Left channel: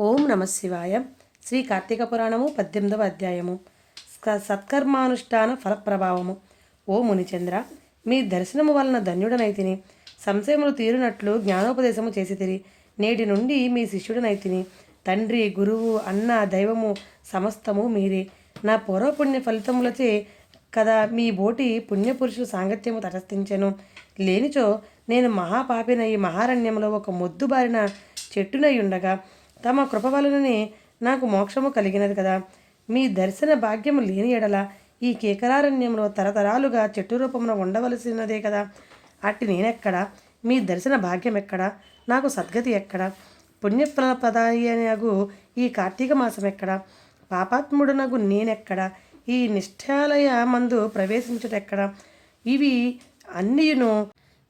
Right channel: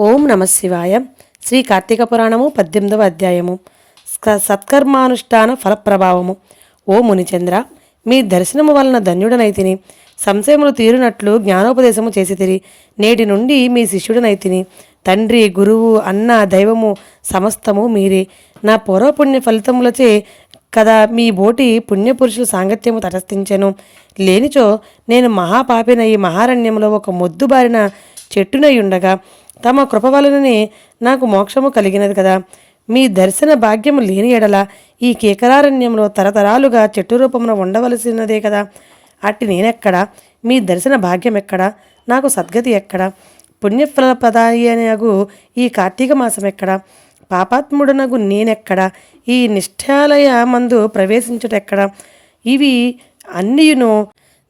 ఓం నమ శివాయ. శ్రీ కార్తీక పురాణము పద్దెనిమిదవ అధ్యాయము. సత్కర్మానుష్ఠాన ఫలప్రభావము. ఓ మునిచంద్ర మీ దర్శనము వలన ధన్యుడనైతిని సంశయములు తీరునట్లు జ్ఞానోపదేశము చేసి తిరి. నేటి నుండి మీ శిష్యుడనైతిని తండ్రి గురువు అన్న దైవము సమస్తము మీరే. నా పూర్వపుణ్య ఫలితములచే కదా మీ బోటి పుణ్యపురుషుల సాంగత్యము తటస్థించెను. లేనిచో నేను మహాపాపిన ఈ మహారణ్యంలో ఒక మొద్దుబారిన చెట్టునై ఉండగా తమ కృప వలననే నాకు మోక్షము కలిగినది కదా. మీ దర్శన భాగ్యము లేని ఎడల ఈ కేకరారణ్యంలో తరతరాలుగా చెట్టు రూపమున ఉండవలసినదే కదా. అట్టి నేనెక్కడా? మీ దర్శన భాగ్యం ఎక్కడా నాకు సద్గతి ఎక్కడా? పుణ్యఫలప్రదాయనగు ఈ కార్తీక మాసం ఎక్కడా పాపాత్ముడనగు నేనెక్కడ? ఈ నిష్ఠాలయ మందు ప్రవేశించుటెక్కడ? ఇవి అన్నియును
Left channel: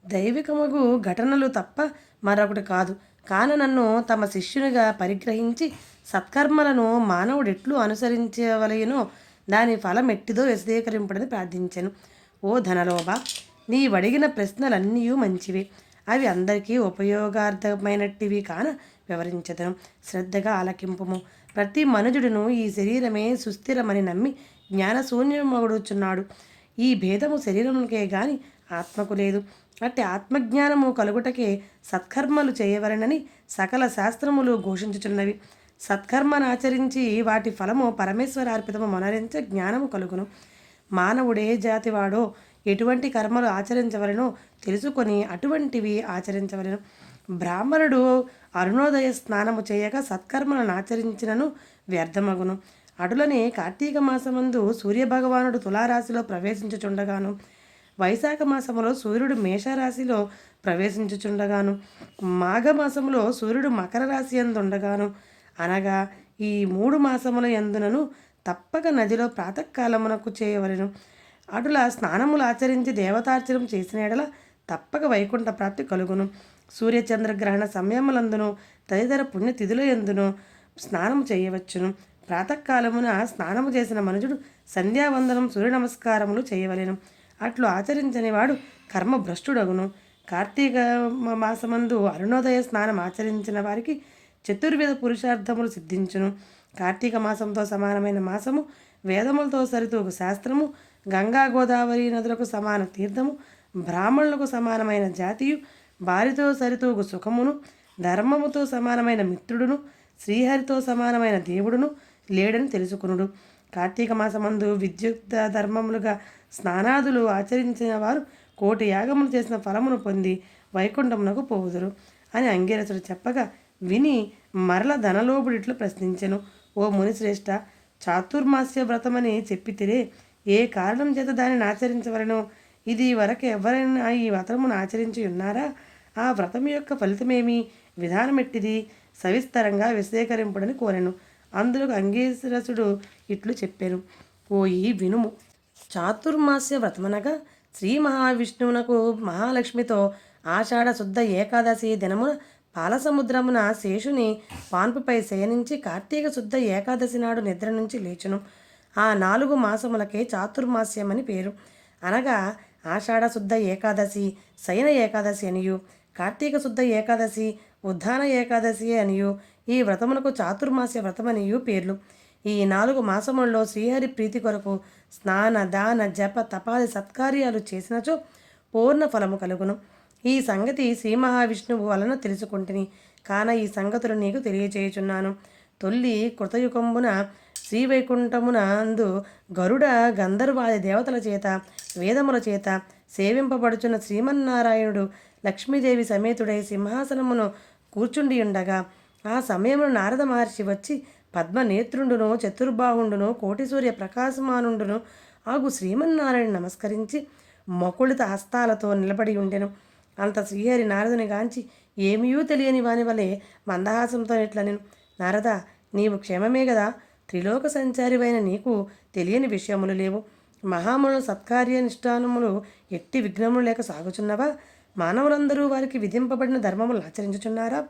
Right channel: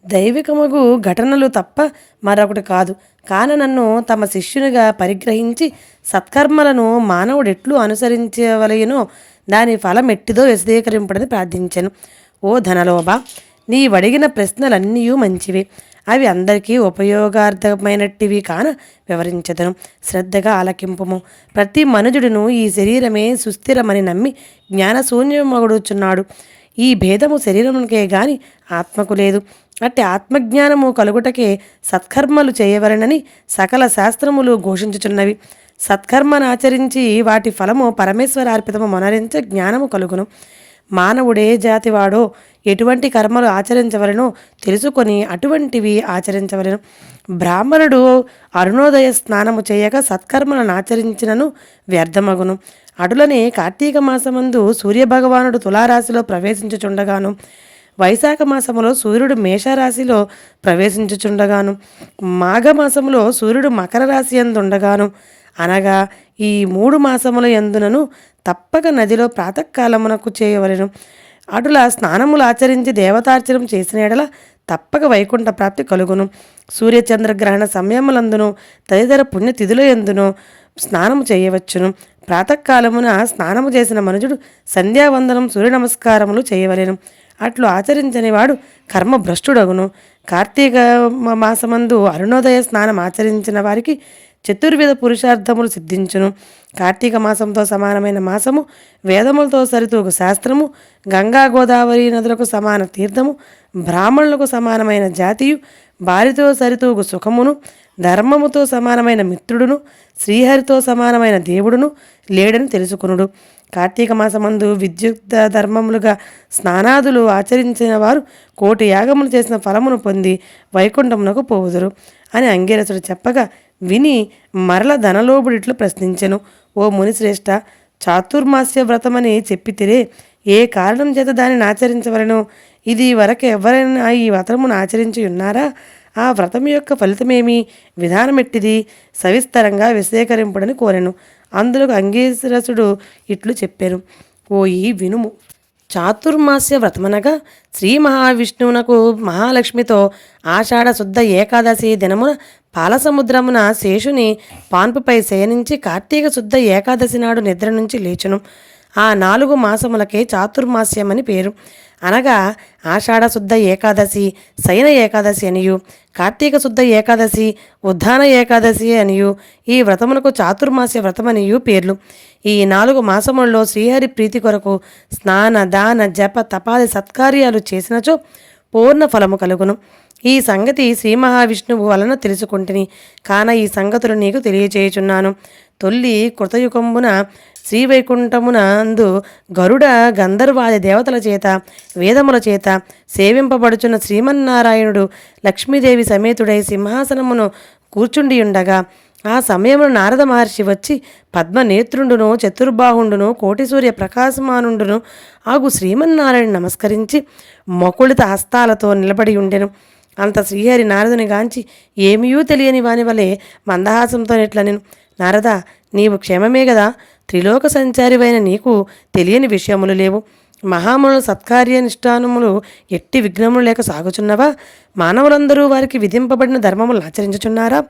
దైవికమగు ఘటనలు తప్ప మరొకటి కాదు. కాని నన్ను తమ శిష్యునిగా పరిగ్రహించి సత్కర్మలను మానవుడెట్లు అనుసరించవలయనో దాని ఫలం ఎట్టిదో విశదీకరింపడని ప్రార్థించాను. ఓ ధనలోభ నీవడిగిన ప్రశ్నలన్నీ మంచివి. అవి అందరికీ ఉపయోగార్థమైనట్టివి కాన వివరించదను. శ్రద్ధగా ఆలకింపము. ప్రతి మనుజుడును ఈ శరీరమే సుస్థిరమని నమ్మి జ్ఞానశూన్యమగుడుచున్నాడు. ఈ భేదము శరీరమునికే గాని ఆత్మకు లేదు. అట్టి ఆత్మజ్ఞానము కలుగుటకే సత్కర్మలు చేయవలనని సకల శాస్త్రములు ఘోషించుచున్నవి. సత్కర్మను ఆచరించి వాటి ఫలము పరమేశ్వరార్పితము మనరించ జ్ఞానము కలుగును. మానవుడే జాతివాడో ఎటువంటి కర్మలు ఆచరించవలనో తెలుసుకొని అటువంటివి ఆచరించవలెను. బ్రాహ్మణుడు అరుణోదయ స్నానము చేయక సత్కర్మలను ఆచరించినను వ్యర్థమగును. అటులనే కార్తీక మాసమందు సూర్యభగవానుడు తులారాశిలో ప్రవేశించుచుండగాను వైశాఖ మాసములో సూర్యుడు మేషరాశిలో ప్రవేశించుచుండగాను మాఘమాసములో సూర్యుడు మకర రాశి ఎందుండగాను అనగా ఈ మూడు మాసముల ఎందునను తప్పక నదిలో ప్రాతకాలమునకు చేయవలెను. అటులా స్నానములు ఆచరించి దేవతార్చనం చేసిన ఎడల తప్పక వైకుంఠ ప్రాప్తి కలుగును. సూర్యచంద్రగ్రహణ సమయములందును తదితర పుణ్యతిథుల ఎందును స్నానము చేయవచ్చును. ప్రాతకాలమున స్నానము చేసిన మనుజుడు సంధ్యావందనం సూర్య నమస్కారములు చేయవలెను. అట్లు ఆచరించని వాడు కర్మభ్రష్టుడగును. కార్తీక మాసమందు అరుణోదయ స్నానం ఆచరించిన వారికి చతుర్విధ పురుషార్థములు సిద్ధించును. కార్తీక మాసంతో సమానమైన మాసము వేదములతో సరితూగు శాస్త్రము గంగా గోదావరి నదులకు సమాన తీర్థము బ్రాహ్మణులకు సమానమైన జాతియు భార్యతో సరితూగు సుఖమును ధర్మముతో సమానమైన మిత్రుడును శ్రీహరితో సమానమైన దేవుడును లేడని తెలుసుకునుడు. కార్తీక మాసమందు విద్యుక్త ధర్మములుగా స్నానాదులు ఆచరించిన వారు కోటి యాగములు చేసిన ఫలమును పొంది వైకుంఠమునకు పోవుదురు అని అంగీరసుడు చెప్పగా విని మరల ధనలోబుడిట్లు ప్రశ్నించెను. ఓ మునిశ్రేష్ఠ చాతుర్మాస్య వ్రతమని చెప్పితిరే ఏ కారణం చేత దానిని ఆచరించవలను? ఇది వరకు ఎవరైనా ఈ వ్రతమును ఆచరించి ఉన్నారా? ఆ వ్రతం యొక్క ఫలితమేమి? విధానమెట్టిది? సవిస్తరంగా విశేకరింపుడని కోరెను. అందులో అంగీరసుడు ఇట్లు చెప్పాను ఓయి వినుము. చాతుర్మాస్య వ్రతమనగా శ్రీ మహావిష్ణువునకు మహాలక్ష్మితో ఆషాఢ శుద్ధ ఏకాదశి దినమున పాలసముద్రమున శేషుని పాన్పుపై శయనించి కార్తీక శుద్ధ ఏకాదశి నాడు నిద్ర నుంచి లేచును. ఆ నాలుగు మాసములకే చాతుర్మాస్యమని పేరు. అనగా ఆషాఢ శుద్ధ ఏకాదశి శయన ఏకాదశి అనియు. కార్తీక శుద్ధ ఏకాదశి ఉద్ధాన ఏకాదశి అనియు ఈ వ్రతమునకు చాతుర్మాస్య వ్రతమనియు పేర్లు. ఈ నాలుగు మాసములలో శ్రీహరి ప్రీతి కొరకు స్నాన దాన జప తపాది సత్కార్యాలు చేసినచో పూర్ణ ఫలము కలుగును. ఈ సంగతి శ్రీ మహావిష్ణువు వలన తెలుసుకుంటుని కాన ఈ సంగతులు నీకు తెలియచేయుచున్నాను. తొల్లి కృతయుగంబున శ్రీవైకుంఠమునందు గరుడ గంధర్వాది దేవతల చేత వేదముల చేత సేవింపబడుచున్న శ్రీమన్నారాయణుడు లక్ష్మీదేవి సమేతుడై సింహాసనమును కూర్చుండియుండగా ఆ సమయంలో నారద మహర్షి వచ్చి పద్మనేత్రుండును చతుర్బాహుండును కోటి సూర్య ప్రకాశమానుండును ఆగు శ్రీమన్నారాయణ నమస్కరించి మొకుళిత హస్తాలతో నిలబడి ఉండెను అంత శ్రీహరి నారదుని గాంచి ఏమీయూ తెలియని వాని వలె మందహాసంతో నెట్లనెను. నారద నీవు క్షేమమే కదా త్రిలోక సంచారివైన నీకు తెలియని విషయములు లేవు. మహాముల సత్కార్యనిష్టానములు ఎట్టి విఘ్నములు లేక సాగుచున్నవా? మానవులందరూ వారికి విధింపబడిన ధర్మములు ఆచరించుచున్నారా?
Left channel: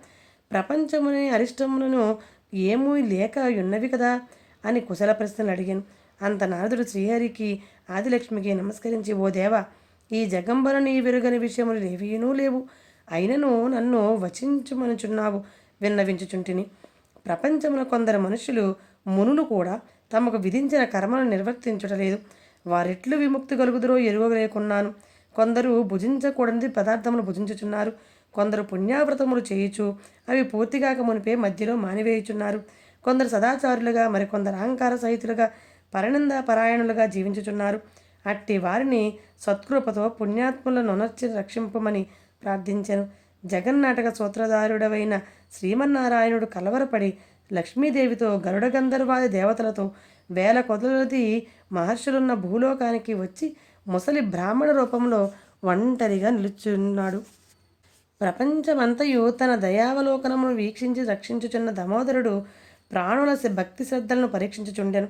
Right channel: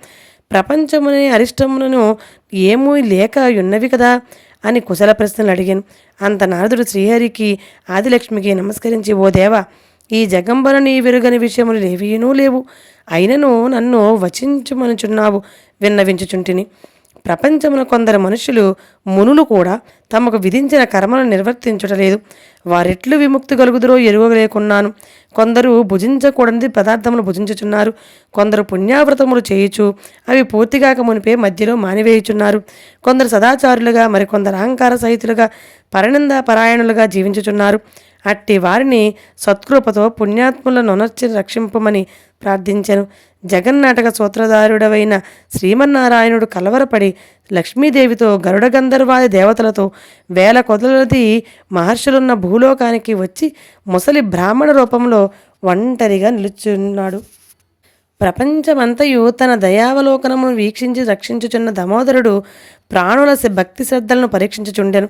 ప్రపంచముని అరిష్టములను ఏమూ లేక ఉన్నవి కదా? అని కుశల ప్రశ్నలు అడిగాను. అంత నారదుడు శ్రీహరికి ఆదిలక్ష్మికి నమస్కరించి ఓ దేవా ఈ జగంబరని నీ విషయములు లేవీనూ లేవు. అయినను నన్ను వచించుమనుచున్నావు విన్నవించుచుంటిని. ప్రపంచంలో కొందరు మనుషులు మునులు కూడా తమకు విధించిన కర్మలను నిర్వర్తించుటలేదు. వారెట్లు విముక్తి కలుగుదరో ఎరుగలేకున్నాను కొందరు భుజించకూడని పదార్థములు భుజించుచున్నారు. కొందరు పుణ్యావ్రతములు చేయుచు అవి పూర్తిగాక మునిపే మధ్యలో మానివేయుచున్నారు. కొందరు సదాచారులుగా మరికొందరు అహంకార సహితులుగా పరనింద పరాయణులుగా జీవించుచున్నారు. అట్టి వారిని సత్కృపతో పుణ్యాత్ములను నొనర్చి రక్షింపమని ప్రార్థించాను. జగన్నాటక సూత్రధారుడవైన శ్రీమన్నారాయణుడు కలవరపడి లక్ష్మీదేవితో గరుడ గంధర్వాది దేవతలతో వేల కొదలది మహర్షులున్న భూలోకానికి వచ్చి ముసలి బ్రాహ్మణ రూపంలో ఒంటరిగా నిలుచున్నాడు. ప్రపంచమంతయు తన దయావలోకనమును వీక్షించి రక్షించుచున్న దామోదరుడు ప్రాణుల భక్తి శ్రద్ధలను పరీక్షించుచుండెను.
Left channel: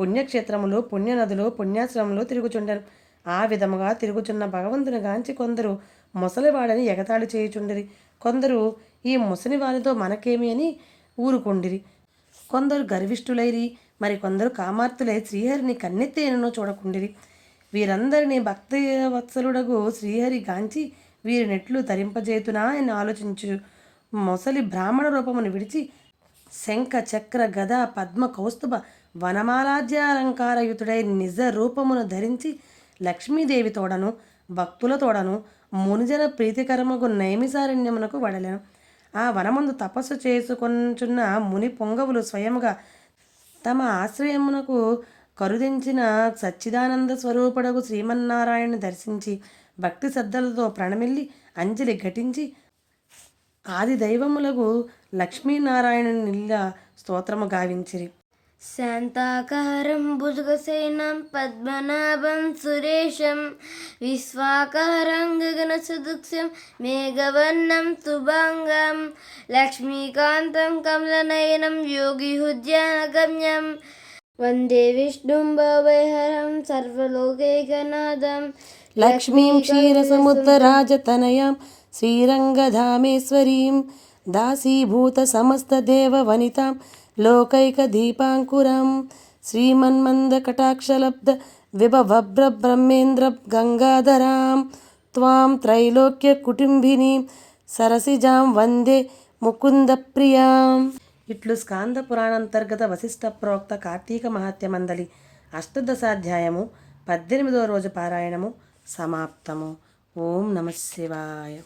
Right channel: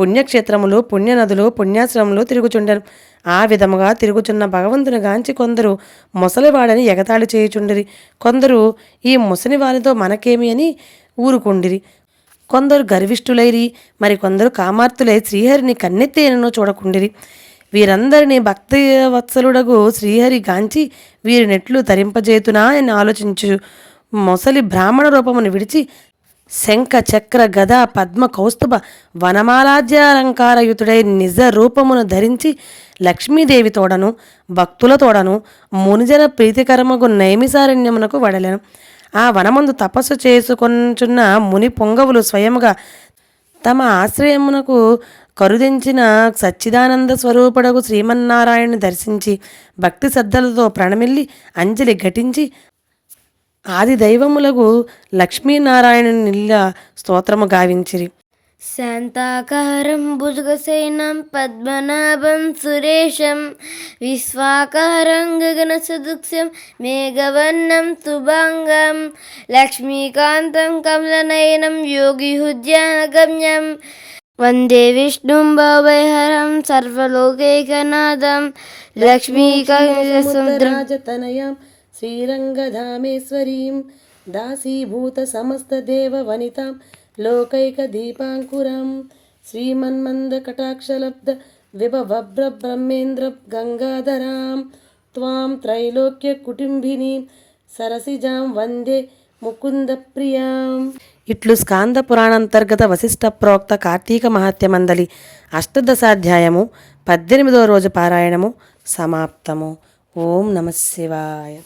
పుణ్యక్షేత్రములు పుణ్యనదులు పుణ్యాశ్రమంలో తిరుగుచుండెను. ఆ విధముగా తిరుగుచున్న భగవంతుని గాంచి కొందరు ముసలివాడని ఎగతాళి చేయుచుండిరి. కొందరు ఈ ముసలి వారితో మనకేమి అని ఊరుకుండిరి. కొందరు గర్విష్ఠులైరి మరి కొందరు కామార్తులై శ్రీహరిని కన్నెత్తేనను చూడకుండిరి. వీరందరినీ భక్తి వత్సలుడగు శ్రీహరి గాంచి వీరినెట్లు తరింపజేతునా అని ఆలోచించు మొసలి బ్రాహ్మణ రూపమును విడిచి శంఖ చక్ర గద పద్మ కౌస్తుభ వనమాలాజ్యాలంకారయుతుడై నిజ రూపమును ధరించి లక్ష్మీదేవి తోడను భక్తుల తోడను మునిజన ప్రీతికరమగు నైమిసారణ్యమునకు వడలెను. ఆ వనమందు తపస్సు చేసుకొంచున్న ముని పొంగవులు స్వయముగా తమ ఆశ్రయమునకు కరుదించిన సచ్చిదానంద స్వరూపుడకు శ్రీమన్నారాయణని దర్శించి భక్తి శ్రద్ధలతో ప్రణమిల్లి అంజలి ఘటించి ఆది దైవములకు లక్ష్మీనారాయణుని నిల్ల స్తోత్రము గావించిరి. శాంతాకారం భుజగసేనం పద్మనాభం సురేశం విశ్వాకారం గగనసదృక్ష్యం మేఘవర్ణం శుభాంగం లక్ష్మీకాంతం కమలనయనం యోగిహుద్యానగమ్యం వందే విష్ణుం భవైహరం సర్వలోకైకనాథం లక్ష్మీకాంతం సముద్రరాజతనయాం శ్రీరంగధామేశ్వరీం దాసీభూత సమస్త దేవ వనితాం లోకైక దీపాంకురం శ్రీమన్మంద కటాక్షలబ్ధ విభభ్ర బ్రహ్మేంద్ర గంగాధరాం త్వాం త్రైలోక్య కుటుంబినీం సరసిజాం వందే ముకుంద ప్రియాం ఇట్లు స్కాంద పురాణాంతర్గత వశిష్ట ప్రోక్త కార్తీక మహాత్యమందలి అష్టదశాధ్యాయము పద్దెనిమిదవ రోజు పారాయణము సమాప్తము. ఓం నమ శివాయ.